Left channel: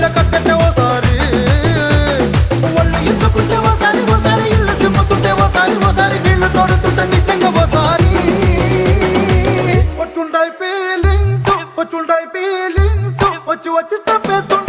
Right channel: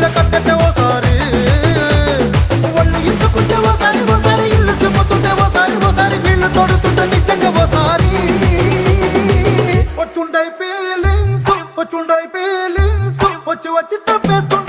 చీర కట్టెతే ఓసారి ఒళ్ళు ఇసుకుంటే ఓసారి ఓసారి ఇల్లు సిమ్ముతుంటే ఓసారి నీళ్లు తోడుతుంటే నిజంగా ఓసారి వచ్చుండై ఫీలింగ్స్ వచ్చి చంపేస్తు